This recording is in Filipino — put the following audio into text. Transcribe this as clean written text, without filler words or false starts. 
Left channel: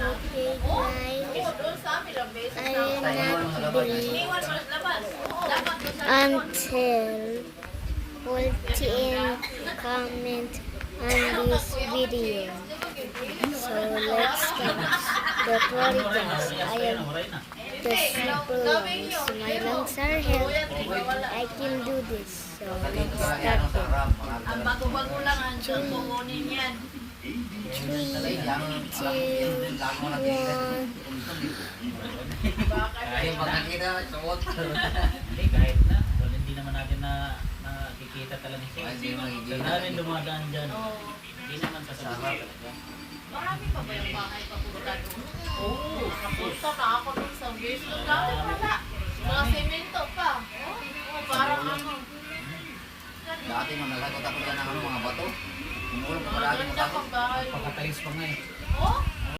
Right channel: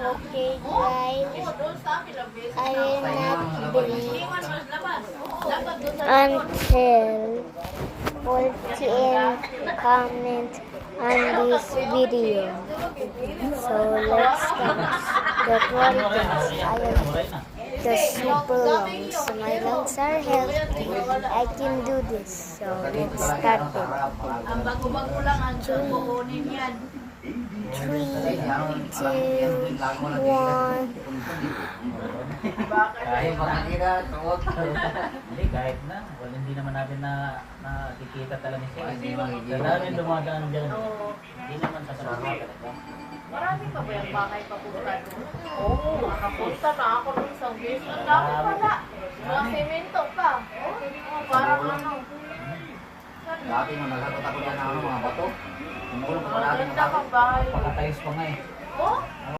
Okay, guys. I will not be until 14 comment on this video. So let's start. Don't worry, guys. I am the super lungs. So my lungs are healthy. I can do this. So let's start it. Ang bago-bago lang ang kukunin yan. 3, 2, 1. Kahit makikita, tuwag. Hindi, kahit na. Well, hindi naman natin nakikita talaga siya. Sa rin dumadaan dyan. Hindi naman kasalamat. Marami pa ba yung bahay papunta doon? Oo, nakapunta na ako ng isang beses. Ang dami pala. Mga semento pa. Parang ano. Dati nung nagkatot ako dyan ng mga bato. Mungkul pa pala. Maganda kang bahay. Pakatayos pa nga eh. Oh,